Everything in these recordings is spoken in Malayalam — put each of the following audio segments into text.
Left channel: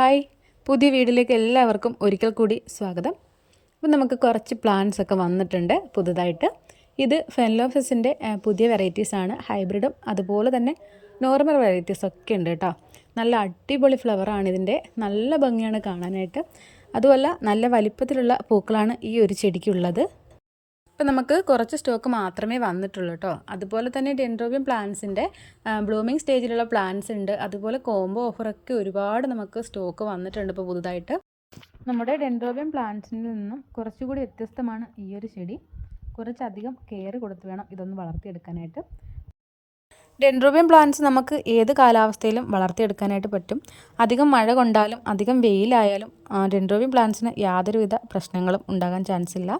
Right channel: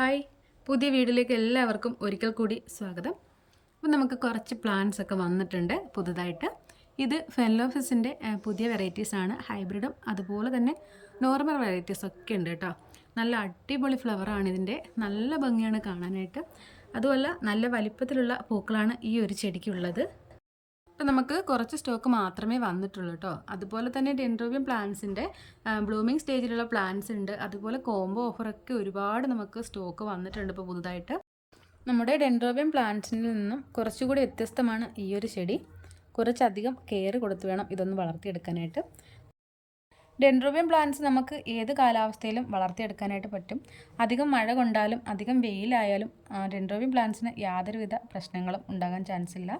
ഹായ്, പുതിയ വീഡിയോയിലേക്ക് എല്ലാവർക്കും ഒരിക്കൽ കൂടി സ്വാഗതം. അപ്പോൾ നമുക്ക് കുറച്ച് പ്ലാന്റ്സ് ഒക്കെ വന്നിട്ടുണ്ട് പുതുതായിട്ട്. ഇത് ഫെൻലോഫസിൻ്റെ പുതിയ വെറൈറ്റീസാണ്. ഹൈബ്രിഡും അതുപോലെ തന്നെ നോർമൽ വെറൈറ്റീസ് ഒക്കെ ഉണ്ട് കേട്ടോ. നല്ല അടിപൊളി ഫ്ലവറാണ് ഇതിൻ്റെ. നല്ല ഭംഗിയാണ് കാണാനായിട്ട്. അതുമല്ല നല്ല വലിപ്പത്തിലുള്ള പൂക്കളാണ് ഈ ഒരു ചെടിക്കുള്ളത്. ഇപ്പം നമുക്ക് കുറച്ച് സ്റ്റോക്ക് മാത്രമേ വന്നിട്ടുള്ളൂ കേട്ടോ. അതുപോലെ തന്നെ ഡെൻഡ്രോബിയം പ്ലാന്റ്സിൻ്റെ ബ്ലൂമിങ് സ്റ്റേജിലുള്ള പ്ലാന്റ്സ് ഉണ്ട്. അതുപോലെ കോംബോ ഓഫറൊക്കെ ഒരുപാട് നമുക്ക് സ്റ്റോക്ക് വന്നിട്ടുണ്ട് ഇപ്പോൾ പുതുതായിട്ട്. നമ്മുടെ ഡെൻഡ്രോബിയം പ്ലാന്റ്സിൽ നിന്നും കുറച്ചുകൂടി വ്യത്യസ്തമാണ് ഈ ഒരു ചെടി. കുറച്ചധികം കെയർ കൊടുത്ത് വേണം ഇതൊന്ന് വളർത്തിയെടുക്കാനായിട്ട്. ഡെൻഡ്രോബിയം പ്ലാന്റ്സ് നമുക്ക് ഏത് കാലാവസ്ഥയിലും വളർത്തിയെടുക്കാനായിട്ട് പറ്റും. അധികം മഴ കൊണ്ടാലും അധികം വെയിലായാലും ഡെൻഡ്രോബിയം പ്ലാന്റ്സിന് യാതൊരുവിധ പ്രശ്നങ്ങളും ഉണ്ടാകാൻ ചാൻസ് ഇല്ല.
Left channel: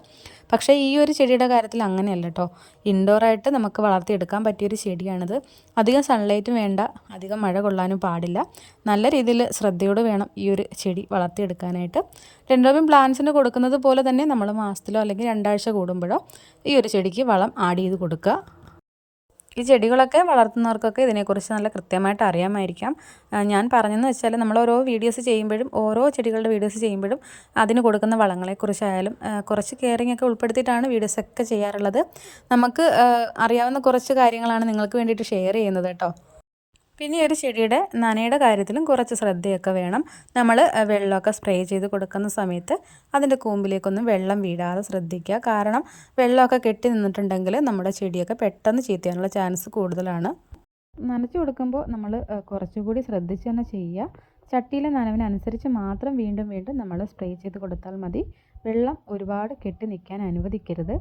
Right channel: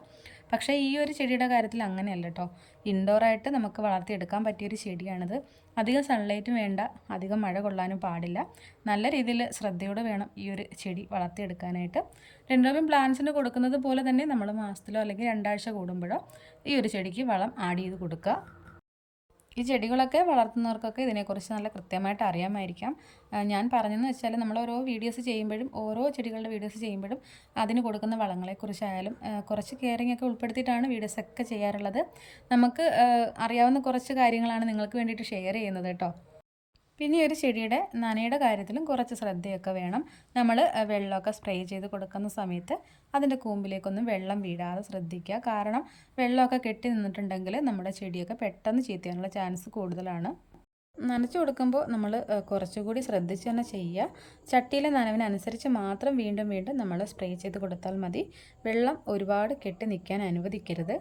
പക്ഷേ ഈ ഒരു ചെടിയുടെ കാര്യത്തിൽ അങ്ങനെയല്ല കേട്ടോ. ഇൻഡോറായിട്ട് നമുക്ക് വളർത്തിയെടുക്കാൻ പറ്റിയൊരു ചെടിയാണിത്. അധികം സൺലൈറ്റും വേണ്ട, അധികം മഴ കൊള്ളാനും പാടില്ല. നല്ല രീതിയിൽ ശ്രദ്ധയോടെ വേണം ഈ ഒരു ചെടി വളർത്തിയെടുക്കാനായിട്ട്. ഡെൻഡ്രോബിയം പ്ലാന്റ്സിന് കൊടുക്കുന്നത് പോലെ തന്നെ നമ്മൾ മാസത്തിലോ അല്ലെങ്കിൽ 2 ആഴ്ച കൂടുമ്പോഴോ ഈ ഒരു ചെടിക്ക് വളം ആഡ് ചെയ്ത് കൊടുക്കുക. ഈ ചെടികളൊക്കെ വളർത്തുന്നവർക്കൊക്കെ ഇതിനെക്കുറിച്ച് നല്ല കൃത്യമായിട്ട് അറിയാമായിരിക്കാം. ഞാൻ പറഞ്ഞതെന്ന് വെച്ചാൽ നമ്മൾ ഓരോ വീഡിയോസ് ചെയ്യുമ്പോഴും ഓരോ ചെടികളുടെ വീഡിയോസ് ചെയ്യുമ്പോഴും അതിന് കൊടുക്കുന്ന വളങ്ങളെക്കുറിച്ചായാലും കുറച്ച് കെയറിംഗ് ഒക്കെ ഉൾപ്പെടുത്തിയിട്ടാണ് വീഡിയോസൊക്കെ ചെയ്യാറുള്ളത്. നമുക്ക് അറിയാവുന്ന കുറച്ച് കാര്യങ്ങളാണ് നിങ്ങൾക്ക് വേണ്ടിയിട്ട് ഷെയർ ചെയ്യുന്നത് കേട്ടോ. പിന്നെ ഈ ഒരു ചെടിയുടെ നനയുടെ കാര്യത്തിലും കുറച്ച് ശ്രദ്ധയൊക്കെ വേണം. നമ്മൾ വെള്ളമൊക്കെ സ്പ്രേ ചെയ്ത് കൊടുക്കുന്ന സമയത്ത് അതിൻ്റെ കൂമ്പിലേക്കൊന്നും വെള്ളം വീഴാതെ ശ്രദ്ധിക്കുക. കാരണം വെള്ളമൊക്കെ കെട്ടി നിന്നിട്ടുണ്ടെങ്കിൽ നമ്മുടെ ചെടിയൊക്കെ പെട്ടെന്ന് ചീത്തയാനുള്ള ചാൻസ് കൂടുതലാണ്. നനച്ചു കൊടുക്കുമ്പോൾ നമ്മൾ കുറച്ചുകൂടി ശ്രദ്ധിച്ച് തന്നെ ചെയ്യുക. ചട്ടിയിലെ നനവിനനുസരിച്ച് മാത്രം വീണ്ടും വീണ്ടും നമ്മൾ സ്പ്രേ ചെയ്ത് കൊടുത്താൽ മതി. വെള്ളം ഒരുപാട് കെട്ടി നിൽക്കാൻ അനുവദിക്കരുത്.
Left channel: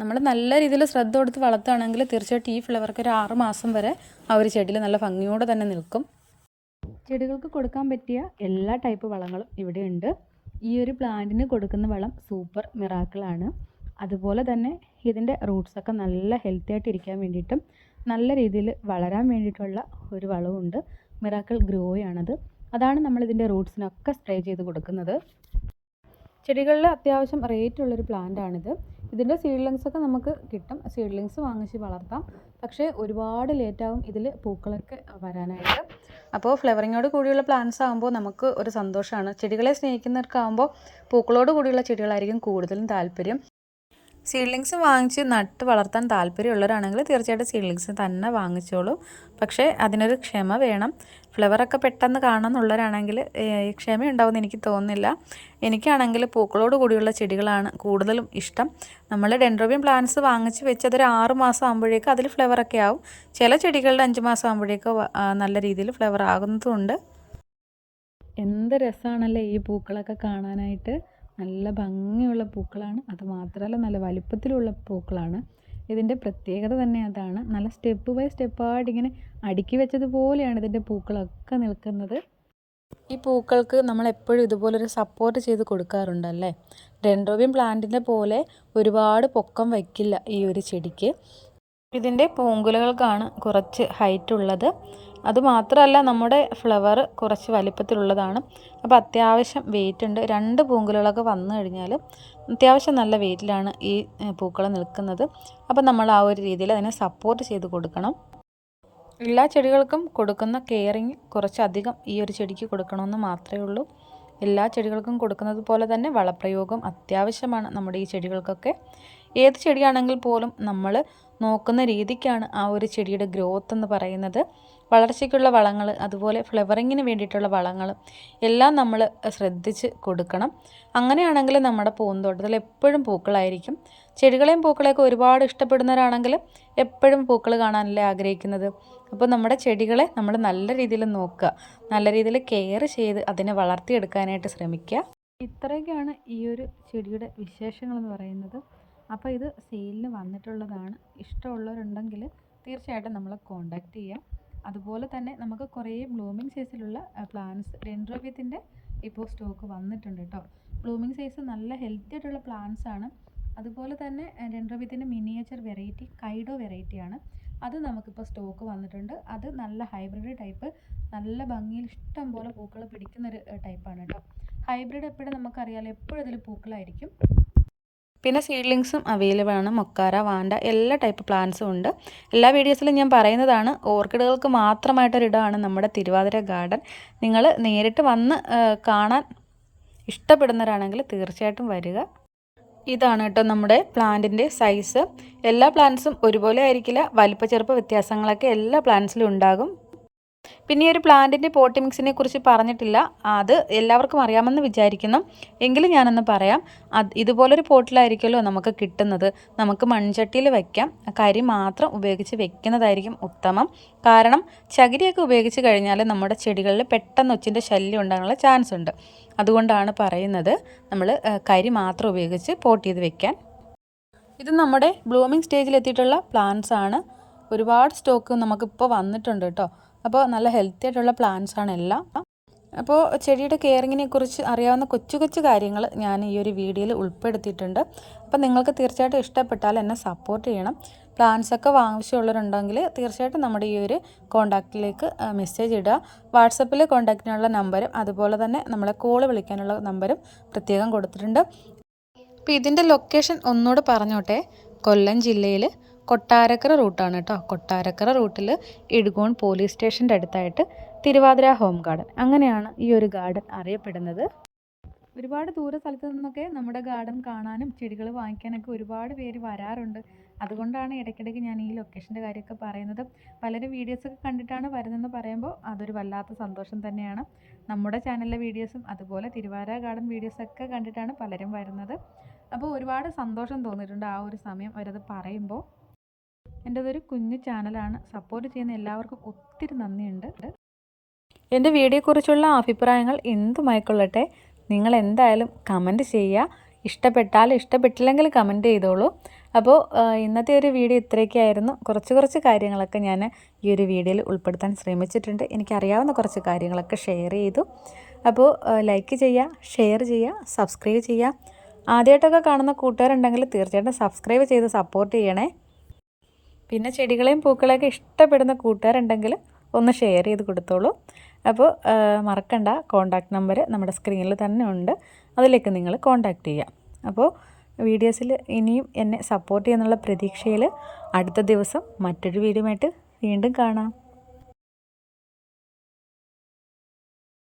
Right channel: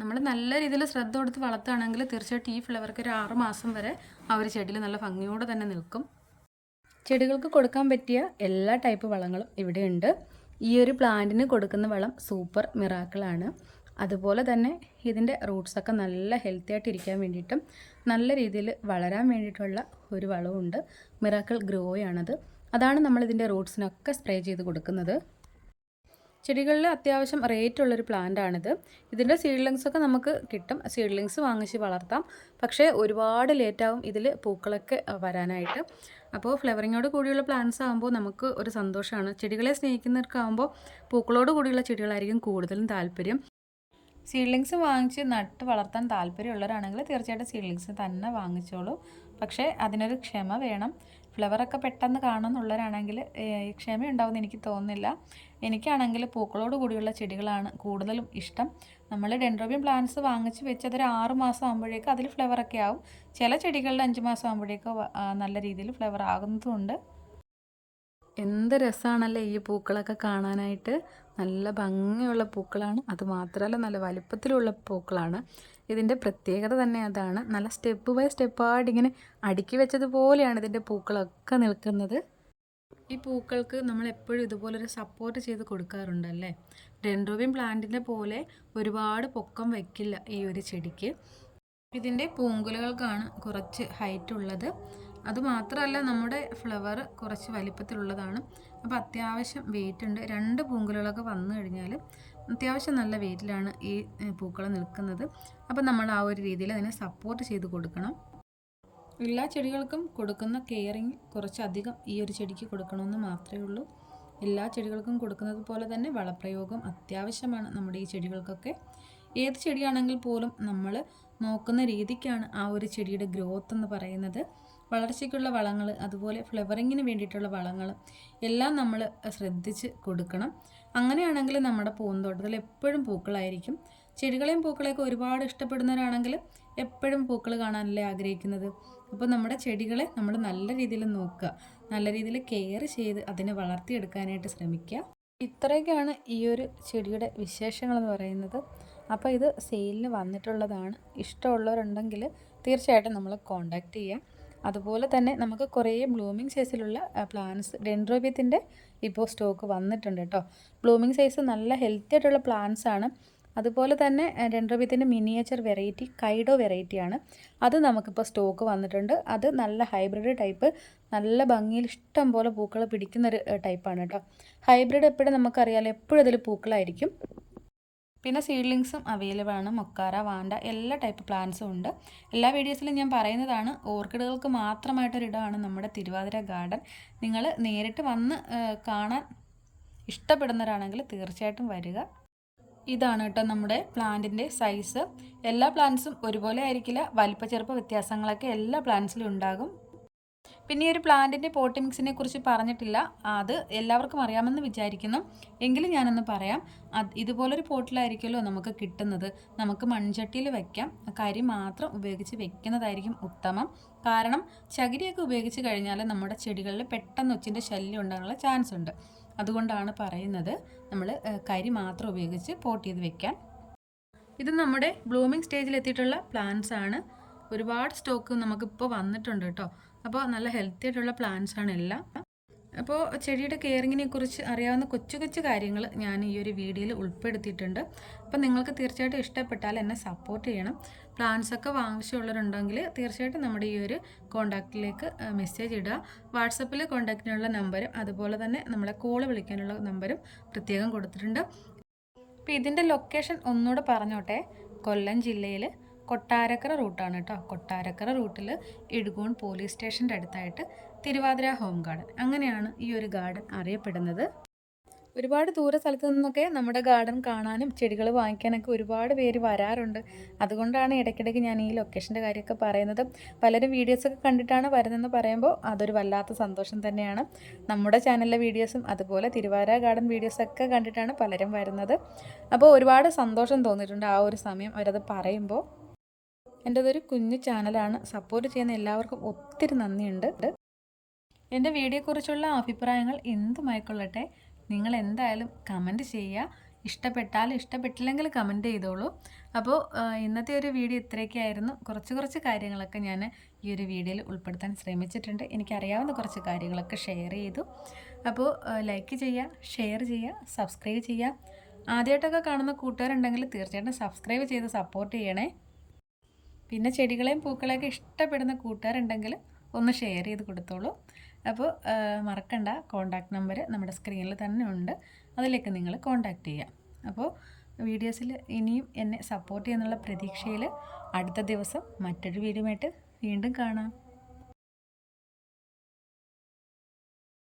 നമ്മൾ നല്ല രീതിയിൽ ശ്രദ്ധ കൊടുത്ത് വളർത്തുകയാണെങ്കിൽ തീർച്ചയായിട്ടും ഈ ഫ്ലവർക്ക് ഒരു 6 മാസം വരെ ആ ഒരു ചെടിയിൽ നല്ല ഭംഗിയോടെ തന്നെ നിൽക്കും. ചെടികൾക്ക് കൊടുക്കാൻ പറ്റിയ എല്ലാ ടൈപ്പ് വളങ്ങളും ഇവിടെയുണ്ട്. ഈ ഒരു പ്ലാന്റിന് കൊടുക്കുന്ന വളം സൂപ്പർ മിറാക്കിളാണ്. അതുപോലെ തന്നെ ഇതിൻ്റെ റൂട്ട്സൊക്കെ നല്ല ഹെൽത്തി ആയിട്ട് ഇരിക്കാൻ വേണ്ടിയിട്ടും നല്ല രീതിയിൽ വളരാൻ വേണ്ടിയിട്ടുള്ള ഒരു വളമുണ്ട്. മിറാക്കിൾ ഗ്രോയാണത്. അതാണ് നമ്മളിതിൻ്റെ റൂട്ട്സിനൊക്കെ സ്പ്രേ ചെയ്ത് കൊടുക്കുന്നത്. ചെടികളിൽ അത്യാവശ്യം റേറ്റുള്ളൊരു പ്ലാന്റാണിത്. ഇതിൻ്റെ സീഡ്ലിങ്സൊക്കെ നമുക്ക് കിട്ടും. സീഡ്ലിങ്സ് വാങ്ങിച്ച് വളർത്താം. പക്ഷേ ഒരുപാട് ലേറ്റാവും ഇതിൽ പൂക്കളൊക്കെ വരാനായിട്ട്. അപ്പോൾ ഫ്ലവറിങ്ങോട് കൂടിയുള്ള പ്ലാന്റ്സ് ആകുമ്പോൾ നമുക്ക് ഒരു സന്തോഷമാണ്. ചെടികളെ സ്നേഹിക്കുന്നവർക്കാകുമ്പോൾ പൂക്കളോട് കൂടിയുള്ള ചെടികളായിരിക്കും കൂടുതലും താല്പര്യം. സീഡ്ലിങ്സ് വാങ്ങിച്ച് നട്ട് വളർത്താൻ താല്പര്യമുള്ളവരാണെങ്കിൽ തീർച്ചയായിട്ടും സീഡ്ലിങ്സ് തന്നെ വാങ്ങിച്ചോളൂ. പക്ഷേ അതിനൊരു ക്ഷമ വേണം. ഫ്ലവറൊക്കെ പെട്ടെന്ന് കാണാമെന്നുള്ളവരാണെങ്കിൽ ക്ഷമയുണ്ടാവുമെന്ന് എനിക്ക് തോന്നുന്നില്ല. എനിക്കാണെങ്കിൽ പൂക്കളോട് കൂടിയുള്ള ചെടികളാണ് കൂടുതലും ഇഷ്ടം. നമ്മൾ ഡെൻഡ്രോബിയം പ്ലാന്റ്സ് വാങ്ങിച്ച് വെച്ച് അതൊരു 6 മാസം ആകുമ്പോഴേക്കും അതിൽ ഫ്ലവറൊക്കെ ആവും. ചില ചെടികളുടെ 5 മാസം ആകുമ്പോഴേക്കും നല്ല രീതിയിൽ ഫ്ലവർ ആകുന്നതുമുണ്ട്. എന്ത് രസമാണല്ലേ ഈ പൂക്കളൊക്കെ കാണാനായിട്ട്. നല്ല ഭംഗിയുള്ള പൂക്കളാണ്. അതുമാത്രമല്ല നല്ല വലിപ്പത്തിലുള്ള പൂക്കളാണ്. ഇതിൻ്റെ പ്രത്യേകത തന്നെ അതാണ്. നല്ല സ്റ്റെപ്പ് ബൈ സ്റ്റെപ്പായിട്ട് ഇങ്ങനെ അടുക്കി വെച്ചതുപോലെയാണ് ഇതിൻ്റെ പൂക്കളൊക്കെ നിൽക്കുന്നത്. ഈ പൂക്കൾക്ക് നമ്മൾ എപ്പോഴും ഇതുപോലൊരു സപ്പോർട്ട് ചെയ്ത് കൊടുക്കാറുണ്ടല്ലേ. ഡെൻഡ്രോബിയം പ്ലാന്റിൻ്റെ പോലെ ഒരുപാട് പൊക്കം വയ്ക്കില്ല ഈ ഒരു ചെടിക്ക്. ഇതിൻ്റെ പൂങ്കുലകൾക്കാണ് കുറച്ച് ഹൈറ്റ് ഉള്ളത്. അതുമാത്രമല്ല നമ്മുടെ ഫ്ലവർ കുറച്ച് വലിപ്പത്തിലുള്ളതാണ്. അപ്പോൾ അത്യാവശ്യം വെയിറ്റ് ഉണ്ട്. 2 പൂങ്കുലകളൊക്കെ വന്നു കഴിഞ്ഞാൽ അത്യാവശ്യം നല്ല വെയിറ്റിലാണ് ഈ പൂക്കൾ നിൽക്കുന്നത്. അപ്പോൾ നമ്മൾ ആ ഒരു രീതിയിൽ അതിനെ സപ്പോർട്ട് ചെയ്ത് കൊടുക്കണം. എല്ലാ ചെടികൾക്കും കൊടുക്കുന്ന കെയറിങ് കുറച്ചധികം ഈ ഒരു ചെടിക്ക് കൊടുക്കണമെന്ന് മാത്രമേ ഉള്ളൂ. എല്ലാ ചെടികൾക്കും കൊടുക്കുന്നത് പോലെ തന്നെ വളപ്രയോഗം അത്യാവശ്യമാണ് നമ്മുടെ ഈ ചെടികൾക്കൊക്കെ. ഏത് ചെടിയാണെങ്കിൽ പോലും നമ്മൾ നോക്കുന്ന രീതിക്കാണ് ആ ഒരു ചെടിയുടെ ഗ്രോത്ത് എന്ന് പറയുന്നത്. വളർച്ചയ്ക്കുള്ള വളങ്ങൾ, അതുപോലെ ഫ്ലവറിങ്ങിന് വേണ്ടിയിട്ടുള്ള വളങ്ങൾ എല്ലാം നമ്മൾ ശ്രദ്ധിച്ച് കൊടുക്കണം. അങ്ങനെയാണെങ്കിൽ നമ്മുടെ പൂന്തോട്ടത്തിൽ എപ്പോഴും പൂക്കളായിരിക്കും. ചെടികളെയും പൂക്കളെയൊക്കെ ഒരുപാട് ഇഷ്ടപ്പെടുന്നവരാണെങ്കിൽ എപ്പോഴും പൂക്കൾ കാണാനല്ലേ ആഗ്രഹിക്കുന്നത്. അപ്പോൾ നമ്മുടെ ചെടികളെ നമ്മൾ നല്ല രീതിയിൽ നോക്കുക, നല്ല രീതിയിൽ കെയർ ചെയ്ത് അതിനെ വളർത്തിയെടുക്കാനായിട്ട് ശ്രമിക്കുക. ഇത്രയൊക്കെയാണ് ഈ ഒരു ചെടിയുടെ വിശേഷങ്ങളെന്ന് പറയുന്നത്. അപ്പോൾ ഇത് സെയിലിന് വന്നിട്ടുള്ളതാണ്. ഇഷ്ടമുള്ളവരുണ്ടെങ്കിൽ തീർച്ചയായിട്ടും നമ്മളെ കോൺടാക്റ്റ് ചെയ്യാം. അതുപോലെ തന്നെ നമുക്ക് കുറേ ബ്ലൂമിങ് സൈസിലുള്ള പ്ലാന്റ്സ് ഡെൻഡ്രോബിയത്തിൻ്റെ ഇപ്പോൾ സ്റ്റോക്ക് വന്നിട്ടുണ്ട് കേട്ടോ. ബ്ലൂമിങ് സൈസ് നല്ല ഹെൽത്തി ആയിട്ടുള്ള പ്ലാന്റ്സ് ആണ്. അതുപോലെ തന്നെ ഡെൻഡ്രോബിയത്തിൻ്റെ മിനിയേച്ചർ വെറൈറ്റി കൈഡോ വെറൈറ്റിയാണ്. അത് നമുക്കിപ്പോൾ സ്റ്റോക്ക് വന്നിട്ടുണ്ട്. അത് നല്ല ഹൈബ്രിഡ് ടൈപ്പ്, നല്ല ഭംഗിയിൽ ഇഷ്ടം പോലെ പൂക്കൾ പിടിക്കുന്നൊരു ടൈപ്പാണ് കേട്ടോ. ഹൈബ്രിഡ് എപ്പോഴും നമുക്കറിയാമല്ലോ, എപ്പോഴും അതിൽ പൂക്കളായിരിക്കും. പിന്നെ സീഡ്ലിങ്സും അവൈലബിൾ ആണ്. മൊക്കാര, വാൻഡ എല്ലാ ടൈപ്പ് പ്ലാന്റ്സും ഉണ്ട്. എല്ലാ വീഡിയോസിലും ഞാൻ പറയുന്നതാണ്. ഓർക്കിഡുകൾക്ക് മാത്രമായിട്ടൊരിടമാണ് നമ്മുടെ തിരുവാതിര ഗാർഡൻ. നിങ്ങൾ നേരിട്ട് വന്ന് കാണാൻ ഇഷ്ടപ്പെടുന്നവരാണെങ്കിൽ തീർച്ചയായിട്ടും വരിക. ഇതാണ് കേട്ടോ നമ്മുടെ പ്ലാന്റിൻ്റെ സൈസ്. എല്ലാ പ്ലാന്റ്സും ഒരുപോലെ ആയിരിക്കില്ല, വലിപ്പ ചെറുപ്പ വ്യത്യാസങ്ങളൊക്കെ എല്ലാ പ്ലാന്റ്സിലും ഉണ്ടാകും. പിന്നെ ഈ ഒരു പ്ലാന്റിൻ്റെ പോട്ടി മിക്സിനെ കുറിച്ച് പറഞ്ഞിട്ടില്ല, അത് എല്ലാവർക്കും അറിയാമെന്ന് വിചാരിക്കുന്നു. എങ്കിലും ഞാനൊന്ന് പറയാം. ഇതുപോലൊരു പോട്ടിലായിരിക്കുമല്ലോ നമുക്ക് കിട്ടുന്നത്. നമുക്ക് മൺചട്ടിയിൽ വയ്ക്കാം, കരി മാത്രം ഉപയോഗിച്ച് വെക്കുന്നതായിരിക്കും ഉത്തമം. കാരണം ചകിരിയൊക്കെ ഉപയോഗിച്ച് കഴിഞ്ഞാൽ നമ്മുടെ ചെടികളിൽ പെട്ടെന്ന് ഒച്ചിൻ്റെ ശല്യം ഉണ്ടാകാനുള്ള ചാൻസ് ഉണ്ട്. അതുകൊണ്ടാണ് പറയുന്നത് നമ്മൾ കരി മാത്രം ഉപയോഗിച്ച് പോട്ട് ചെയ്ത് വെക്കാൻ. ഇത് നമ്മുടെ ബ്ലൂമിങ് സ്റ്റേജിൽ എത്തിയിട്ടുള്ള പ്ലാന്റ്സ് ആണ്. ഒരുപാട് സ്റ്റോക്ക് നമുക്കിപ്പോൾ വന്നിട്ടുണ്ട് കേട്ടോ. അപ്പോൾ നല്ല ഹെൽത്തി ആയിട്ടുള്ള പ്ലാന്റ്സ് ആണ് എല്ലാം. അപ്പോൾ ചെടിയുടെ കെയറിങ്ങിനെ കുറിച്ച് അറിയാവുന്ന കൊച്ചു കൊച്ചു കാര്യങ്ങൾ ഞാൻ ഈ ഒരു വീഡിയോയിൽ ഉൾപ്പെടുത്തിയിട്ടുണ്ട്. അപ്പോൾ നിങ്ങൾക്ക് തീർച്ചയായിട്ടും ഇഷ്ടപ്പെട്ടാൽ എന്നെ സപ്പോർട്ട് ചെയ്യണം. പ്ലാന്റ്സ് ഒക്കെ ആവശ്യമുള്ളവരുണ്ടെങ്കിൽ തീർച്ചയായിട്ടും നമ്മുടെ ഈ ഒരു കോൺടാക്റ്റിലേക്ക് മെസ്സേജ് ഇടുക. വാട്സപ്പിൽ കോൺടാക്റ്റിനുള്ള നമ്പരും അതുപോലെ തന്നെ നമ്മളെ കോൾ വിളിക്കാനുള്ള നമ്പരും പ്രത്യേകം കൊടുത്തിട്ടുണ്ട്. അപ്പോൾ ഇതിൻ്റെ ലൊക്കേഷൻ ഒന്നുകൂടെ പറഞ്ഞോട്ടെ. കൊല്ലം ജില്ലയിൽ കൊട്ടാരക്കര റൂട്ടാണ് കേട്ടോ. കൊട്ടാരക്കര റൂട്ടിൽ ഇടുഗോൺ പോലീസ് സ്റ്റേഷൻ്റെ അടുത്തായിട്ട് തിരുവാതിര ഹോം ഗാർഡൻ, അങ്ങനെയാണ് ഈ ഒരു ഗാർഡൻ അറിയപ്പെടുന്നത്. ഒരുപാട് ദൂര സ്ഥലത്തു നിന്നൊക്കെ നമ്മുടെ ഗാർഡൻ കാണാനും ചെടികൾ വാങ്ങിക്കാനൊക്കെ ഒരുപാട് പേര് വരാറുണ്ട്. അതുകൊണ്ടാണ് ഇടയ്ക്കിടയ്ക്ക് ഞാൻ ഈ ലൊക്കേഷൻ്റെ കാര്യമൊക്കെ പറയുന്നത്. പലരും വീഡിയോസൊക്കെ കണ്ടിട്ടാണ് വരുന്നതെന്ന് പറയുമ്പോൾ അതൊരു വല്ലാത്ത സന്തോഷം തന്നെയാണ്. നമ്മുടെ ചാനലിലെ വീഡിയോസും അതുപോലെ തിരുവാതിര ഗാർഡൻ വീഡിയോസൊക്കെ കണ്ടിട്ടാണ് പലരും വരുന്നത്. അപ്പോൾ ഒരുപാട് സന്തോഷം തോന്നിയിട്ടുണ്ട് ആ ഒരു സമയം അവരത് പറയുമ്പോൾ. എൻ്റെതൊരു കുഞ്ഞു ചാനലാണ്, സപ്പോർട്ട് ചെയ്യുന്ന എല്ലാവർക്കും ഒത്തിരി നന്ദിയുണ്ട്. എൻ്റെ വീഡിയോയെക്കുറിച്ചുള്ള അഭിപ്രായങ്ങൾ എന്തുമായിക്കൊള്ളട്ടെ, നിങ്ങൾ എന്തായാലും കമൻറ്റ് ചെയ്യുക. ഇഷ്ടപ്പെട്ടാലും ഇഷ്ടപ്പെട്ടില്ലെങ്കിൽ കമൻറ്റ് ചെയ്തോളൂ. അപ്പോൾ ഇന്നത്തെ ഒരു വീഡിയോ ഇത്രയൊക്കെയായിരുന്നു. കുറച്ച് കാര്യങ്ങളൊക്കെ ഞാൻ ഈ ഒരു വീഡിയോയിൽ ഉൾപ്പെടുത്താൻ ശ്രമിച്ചിട്ടുണ്ട്. എനിക്കറിയാവുന്ന കുറച്ച് കാര്യങ്ങളൊക്കെ ഷെയർ ചെയ്തു. അപ്പോൾ ലൈക്ക് ചെയ്യുക, ഷെയർ ചെയ്യുക, സബ്സ്ക്രൈബ് ചെയ്യുക. ആദ്യമായിട്ടൊക്കെ കാണുന്ന കൂട്ടുകാരുണ്ടെങ്കിൽ തീർച്ചയായിട്ടും സബ്സ്ക്രൈബ് ചെയ്ത് സപ്പോർട്ട് ചെയ്യണേ. പിന്നെ ചെടികളെയും പൂക്കളെയൊക്കെ ഇഷ്ടപ്പെടുന്ന കൂട്ടുകാരുണ്ടെങ്കിൽ ഒന്ന് ഷെയർ ചെയ്ത് കൊടുത്തോളൂ. അപ്പോൾ മറക്കണ്ട, കോൺടാക്റ്റ് നമ്പർ നമ്മുടെ സ്ക്രീനിൽ തന്നെ ഉണ്ട്, അതിലേക്ക് നിങ്ങൾ കോൺടാക്റ്റ് ചെയ്യാം. അപ്പോൾ വീഡിയോസിൽ ഇനിയും എന്നെ സപ്പോർട്ട് ചെയ്യുന്നുള്ള പ്രതീക്ഷയിൽ അടുത്ത ദിവസം മറ്റൊരു വീഡിയോ ആയിട്ട് വീണ്ടും കാണാം.